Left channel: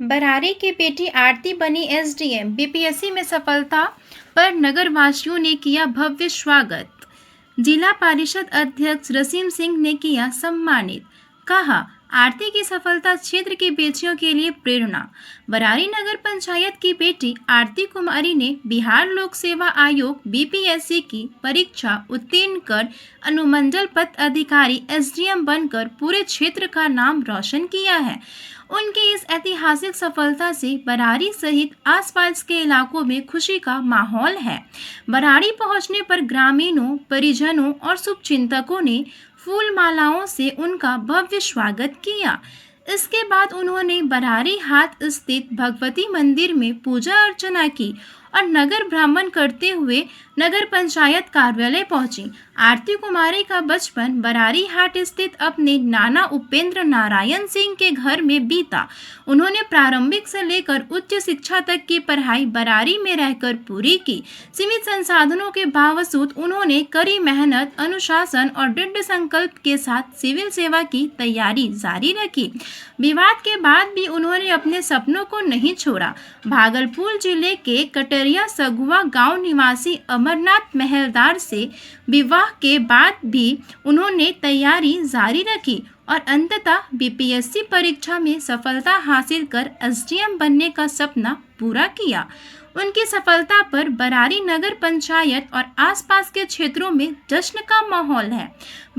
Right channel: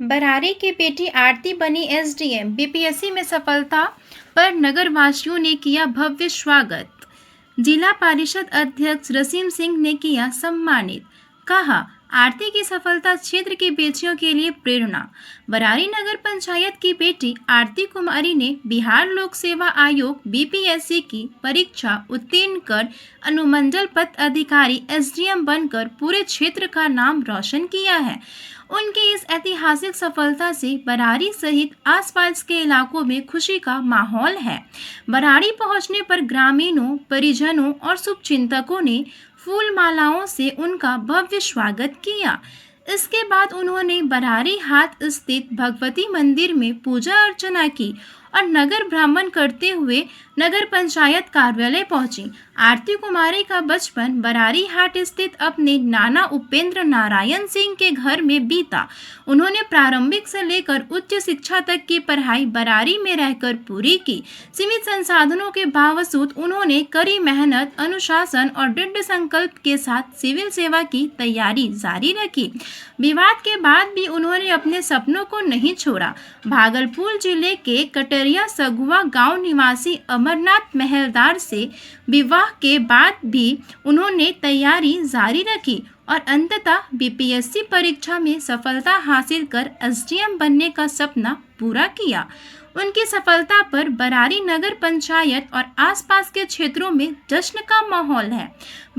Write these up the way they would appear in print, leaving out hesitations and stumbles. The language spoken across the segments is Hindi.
बरारी की बेटी आरती बनी एसडीएम। बीपीएससी में सफलता पर नगरवासियों ने किया भव्य स्वागत। जिला परिषद अध्यक्ष रसीम सिंह ने किया सम्मानित। कहा, आरती की सफलता क्षेत्र की बेटियों के लिए प्रेरणा। बरारी नगर पंचायत की बेटी आरती कुमारी ने बिहार लोक सेवा आयोग बीपीएससी की परीक्षा उत्तीर्ण कर अनुमंडल पद अधिकारी एसडीएम बनकर पूरे क्षेत्र का नाम रोशन किया है। उनकी इस ऐतिहासिक सफलता से बरारी सहित आसपास के इलाकों में खुशी का माहौल है। बरारी पहुंचने पर ग्रामीणों, परिजनों और शुभचिंतकों ने फूल मालाओं से उनका भव्य स्वागत किया। इसके बाद उन्होंने बरारी हाट स्थित भगवती मंदिर में पूजा अर्चना की और नगर भ्रमण करते हुए नगर पंचायत कार्यालय पहुंची। आरती कुमारी का बचपन बरारी हाट स्थित अपने नाना उपेंद्र नारायण सिंह के घर में बीता। उन्होंने प्रारंभिक से लेकर उच्च शिक्षा तक की पढ़ाई बरारी में रहकर पूरी की। सीमित संसाधनों के बावजूद उन्होंने कड़ी मेहनत, अनुशासन और दृढ़ संकल्प के साथ सिविल सेवा की तैयारी जारी रखी। विवाद के बाद भी उन्होंने अपने सपनों को नहीं छोड़ा। भागलपुर जिले के कटरिया सगुआ गांव निवासी अमरनाथ महलदार से विवाह के बाद भी उन्होंने तैयारी जारी रखी और अंततः बीपीएससी परीक्षा में सफलता हासिल कर एसडीएम बनने का सपना पूरा किया। उनकी सफलता पर बरारी नगर पंचायत और आसपास के क्षेत्रों में जश्न का माहौल है।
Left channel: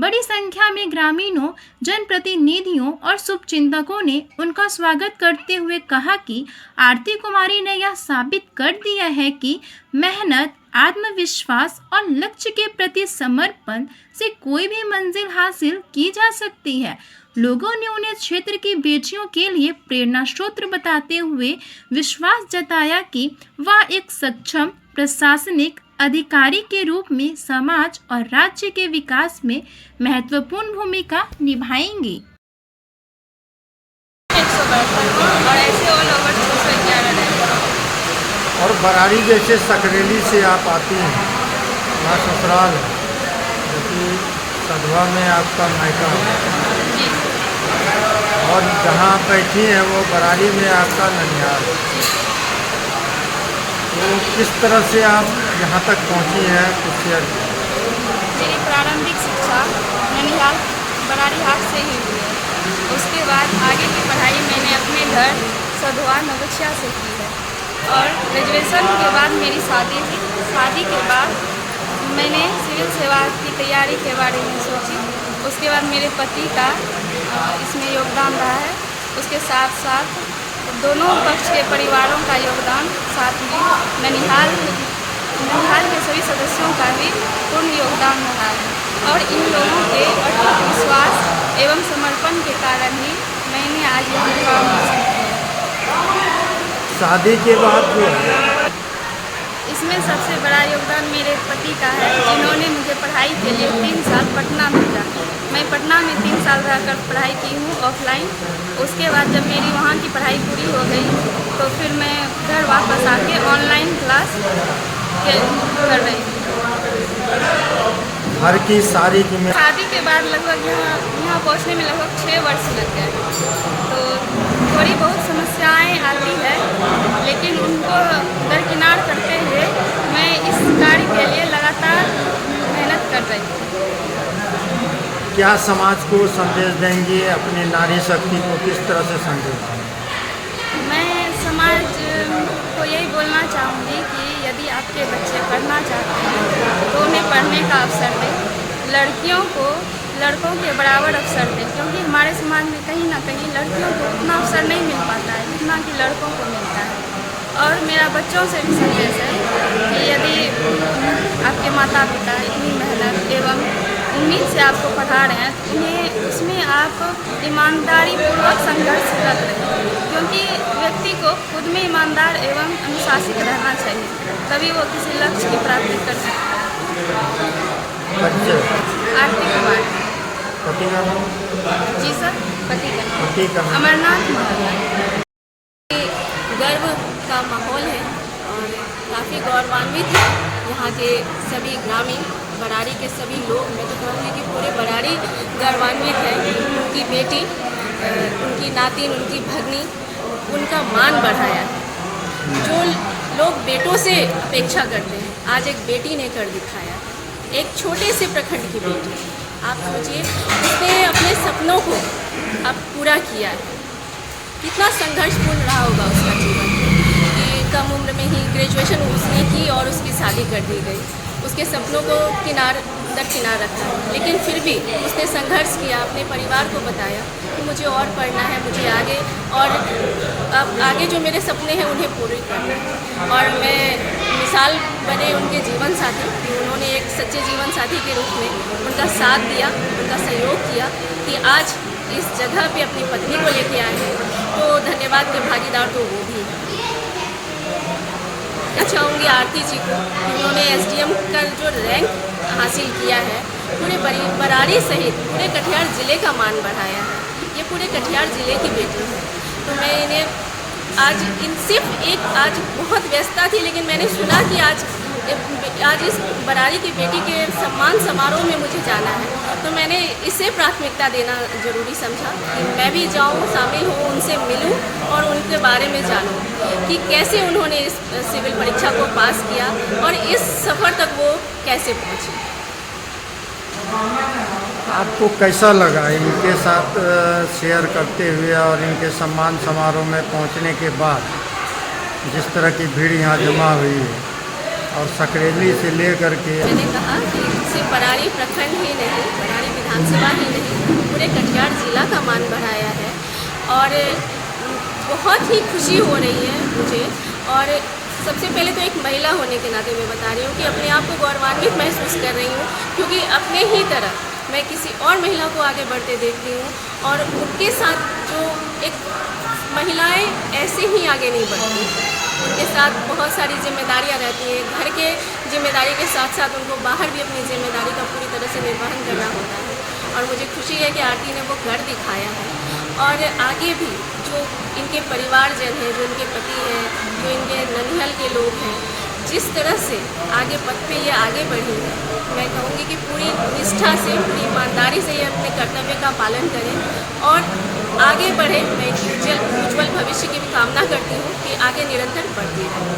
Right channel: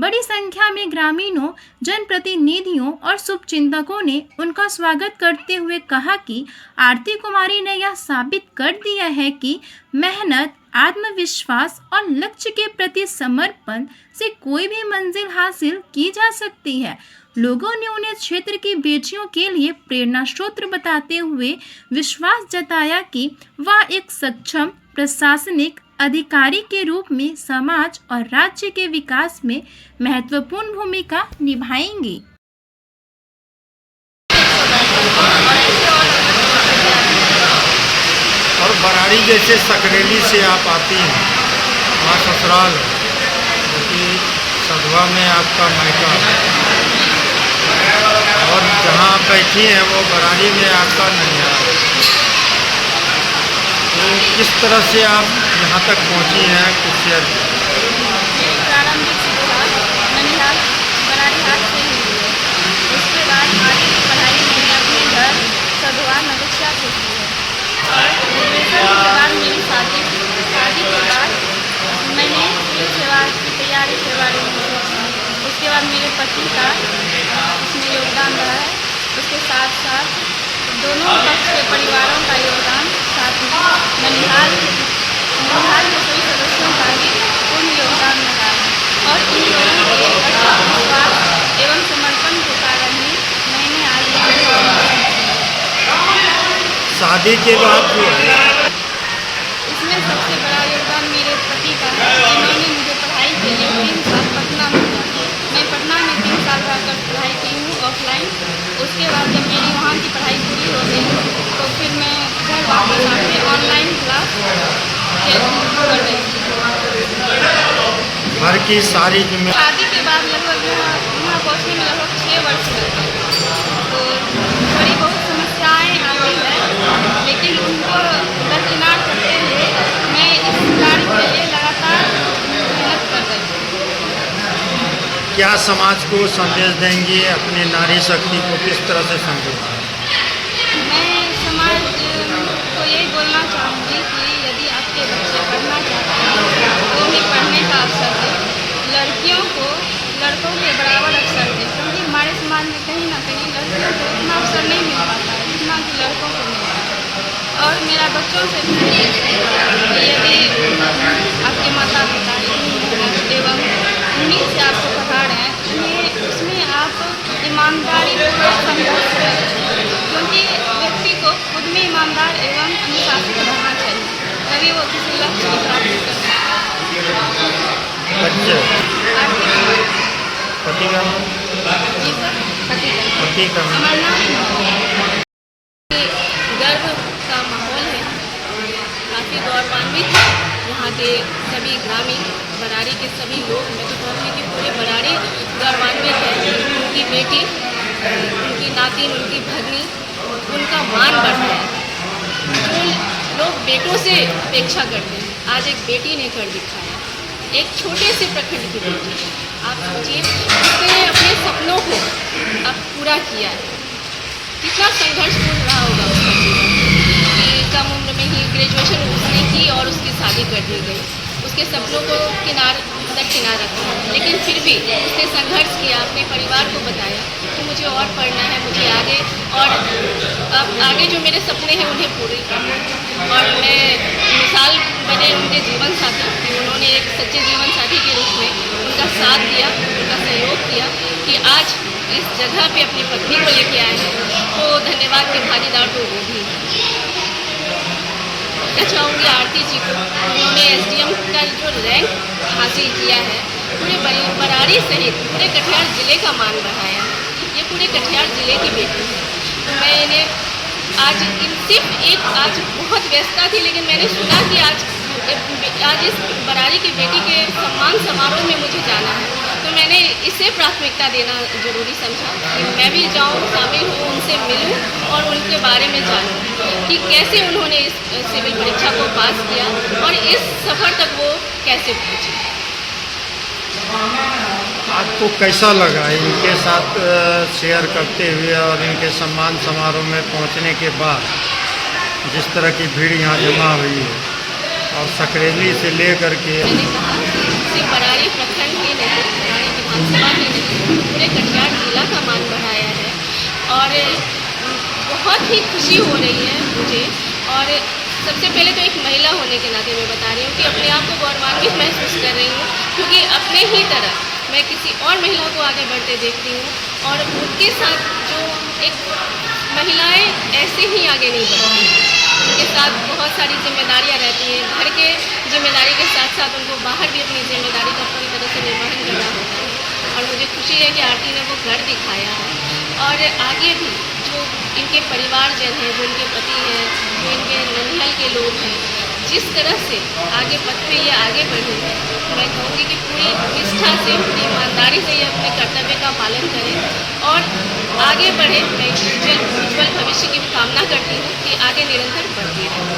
बड़ी संख्या में ग्रामीणों, जनप्रतिनिधियों और शुभचिंतकों ने उनका स्वागत करते हुए कहा कि आरती कुमारी ने यह साबित कर दिया है कि मेहनत, आत्मविश्वास और लक्ष्य के प्रति समर्पण से कोई भी मंजिल हासिल की जा सकती है। लोगों ने उन्हें क्षेत्र की बेटियों के लिए प्रेरणा स्रोत बताते हुए विश्वास जताया कि वह एक सक्षम प्रशासनिक अधिकारी के रूप में समाज और राज्य के विकास में महत्वपूर्ण भूमिका निभाएंगी। और बरारी जैसे सकरेली से आप आती हैं, वहाँ ससुराल जो कि सधवा में आपका मायका और जहाँ बैठी हैं वो बरारी में आपका ननिहाल। तो किस तरह से आप यहाँ तक पहुँची हैं, कुछ शेयर करें। मेरी प्रारंभिक शिक्षा ननिहाल बरारी हाट से ही हुई है। उसके बाद आगे की पढ़ाई मैंने अपने घर सधवा नगछिया से की है और ग्रेजुएशन के बाद मेरी शादी के बाद मैंने सिविल सेवा की तैयारी के बारे में सोची। उसके बाद मेरे पति का इसमें योगदान रहा है। उसके साथ साथ दोनों पक्ष के परिवारों का योगदान, साथ में ननिहाल के सभी सदस्यों का भी पूर्ण योगदान रहा है और इन लोगों के अटूट विश्वास एवं समर्पण के कारण ही मैंने आज यह मुकाम हासिल किया। शादी के बाद जो है इसमें सबसे बड़ा योगदान मेरे पति का है, जिन्होंने मुझे पढ़ाई के लिए 3 साल पटना में दिया। मैं पटना में 3 साल रहकर पढ़ाई की हूँ ऑफलाइन। उसके बाद जब मेरी वहाँ की पढ़ाई पूरी हो गई तो फिर मैं घर वापस आके ऑनलाइन क्लास कर रही थी। घर की सारी जिम्मेदारी शादी के बाद लगभग यहाँ पहुँचने में लगभग 6 वर्ष लगे। तो थोड़ी बहुत समस्याएँ आती है, लेकिन उनको दरकिनार करते हुए मैं इस कार्य के लिए लगातार मेहनत कर रही हूँ। क्या समाज को संदेश देंगी, अपनी नारी शक्ति को किस तरह से संदेश देंगी? मैं समाज को यही बोलना चाहूँगी कि यदि आपके बच्चे पढ़ना चाहते हैं तो उन्हें पढ़ने का अवसर दें। लड़कियों को लड़कों के बराबर अवसर दें, क्योंकि हमारे समाज में कहीं ना कहीं लड़कियों को उतना अवसर नहीं मिल पाता है जितना कि लड़कों को मिलता है। और मेरा बच्चों से भी संदेश है कि यदि आपके माता पिता इतनी मेहनत एवं उम्मीद से आपको पढ़ा रहे हैं तो उन्हें उसमें आप ईमानदारी पूर्वक संघर्ष करें, क्योंकि व्यक्ति को खुद में ईमानदार एवं अनुशासित रहना चाहिए, तभी वो किसी लक्ष्य की प्राप्ति कर सकते हैं। बच्चे आरती कुमारी। पति का जी सर, पति का अमरनाथ महल। गर्व का माहौल है और काफ़ी गौरवान्वित है यहाँ के सभी ग्रामीण बरारी के सभी लोग। मैं तो कहूँगी कि पूरे बरारी गौरवान्वित है कि उनकी बेटी, उनकी नातिन, उनकी भगनी, उनका बेटों से अपेक्षा करते हैं, आज एक बेटी ने कर दिखाया। एक छोटे से प्रखंड की बेटी, आप सोचिए, उसने अपने सपनों को अब पूरा किया है। कितना संघर्षपूर्ण रहा होगा उसका जीवन कि कम उम्र में ही ग्रेजुएशन उसने की और उसकी शादी कर दी गई। उसके सपनों को दरकिनार रखा, लेकिन फिर भी उसने संघर्ष किया, अपने परिवार को बताया कि मुझे और पढ़ना है, मुझे आगे और अब आगे जो मेरे सपने हैं उन्हें पूरे करना है। और मैं मिसाल बने उनके जीवन साथी कि उन्होंने एक सच्चे जीवन साथी के रूप में उनका साथ दिया, उनका सहयोग किया कि आज इस जगह पे अपनी पत्नी को लेके आए हैं। तो धन्यवाद के भागीदार तो वो भी हैं। मैं चाहूँगी आरती जी को, उन्होंने एसडीएम का जो रैंक हासिल किया है, पूरे बरारी सहित पूरे कटिहार ज़िले का मान बढ़ाया है। ये पूरे कटिहार ज़िले की बेटी है। तो मैं इन्हें आज सिर्फ एक आज बहुत व्यस्तता थी, लेकिन मैंने सुना कि आज इस बरारी की बेटी के सम्मान समारोह में मुझे जाना है, तो मैंने इसे प्राथमिकता देना ज़रूरी समझा कि मैं भी जाऊं, शामिल हूँ, उनसे मिलूं और उनके बारे में जानूं कि कैसे उन्होंने इस सिविल परीक्षा को पास किया और इस सफ़र तक वो कैसे पहुँची। आपको कैसा लगा इनके साथ शेयर करते हुए और इनके सम्मान समारोह में पहुंचने के बाद जिस तरह की भीड़ यहाँ जमा हुई है और सकरेली से लेकर के? मैंने कहा कि सिर्फ बरारी प्रखंड ही नहीं, बरारी विधानसभा ही नहीं, पूरे कटिहार जिला का मान बढ़ाया है और बहुत ही खुशी हो रही है मुझे। और सबसे पहले तो एक महिला होने के नाते मैं बता रही हूँ कि अपने आप को गौरवान्वित महसूस कर रही हूँ, क्योंकि अपने ही तरह मैं किसी और महिला को आगे बढ़ते देखती हूँ और उनके साथ जो एक महिलाएं ऐसे ही आगे नहीं बढ़ती, उनके साथ बहुत सारी जिम्मेदारियां रहती हैं। घर के जिम्मेदारी के साथ साथ उनको बाहर भी अपनी जिम्मेदारी का पूरी तरह से निर्वहन करना होता है और मुझे खुशी है कि आरती ने वो कर दिखाया है। और आगे भी जो इनके परिवारजन हैं, जो इनके पति हैं, जो इनके ननिहाल के लोग हैं, जिस तरह से आगे पथ पे ये आगे बढ़ी है, मैं कहूँगी कि पूरी निष्ठा से, पूरी ईमानदारी से ये अपने कर्तव्य का पालन करें और आगे बढ़े। मैं उज्ज्वल भविष्य की कामना करती हूँ कि आगे निरंतर बढ़ती रहे।